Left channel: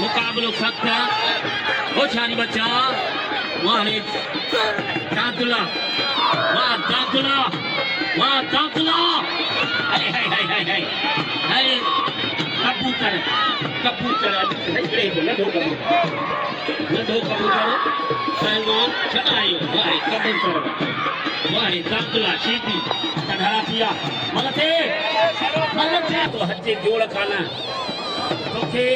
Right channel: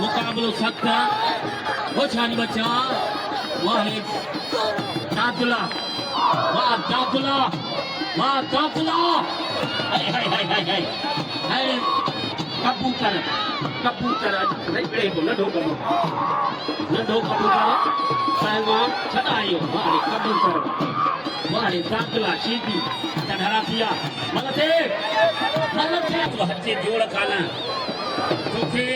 मुकाबलो सख्त है वो छानी बच्चा वहाँ है दादुला वाह दादुला हाय हाय हाय हाय हाय हाय कबूतर नहीं लडो कबूतर पहलवान चढ़ायो वाह कबूतर वाह दादुला शीती तढ़ा किया मगथे तो हच्चे जोड़ खाना तोखे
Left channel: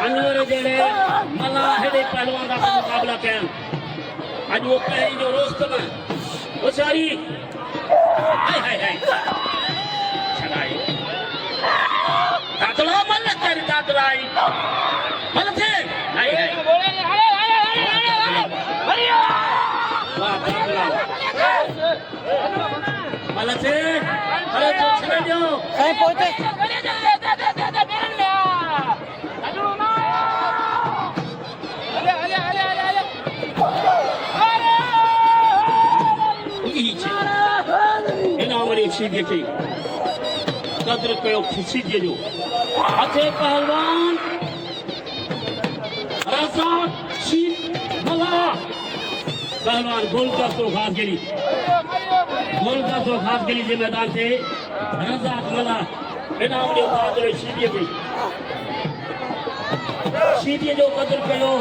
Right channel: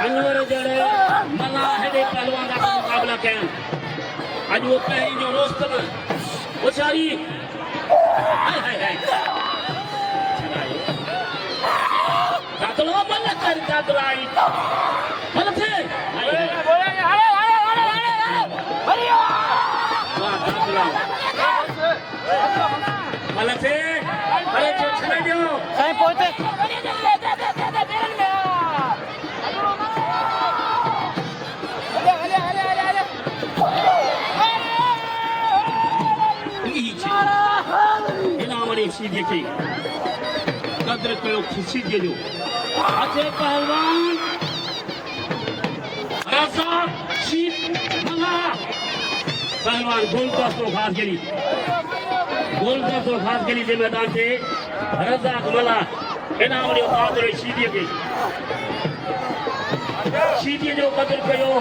अनवर जड़े मना हेडे पहलवान का मुकाबला करें आज वो पहली जो रोस्त में वो सारी हाय हाय हाय चढ़ाई दादुला मन कर दादुला मगथे हाय हाय मगथे अरे तो छड़े दो कहीं पहुंचे सीधे के कदर कयो सीधे जो आखे पहलवान राजा शीत मला पहलवान गोल का तो खास गेली जे मैदान से राजा मला इनाम जो सीधे के सीधे जो कदर कयो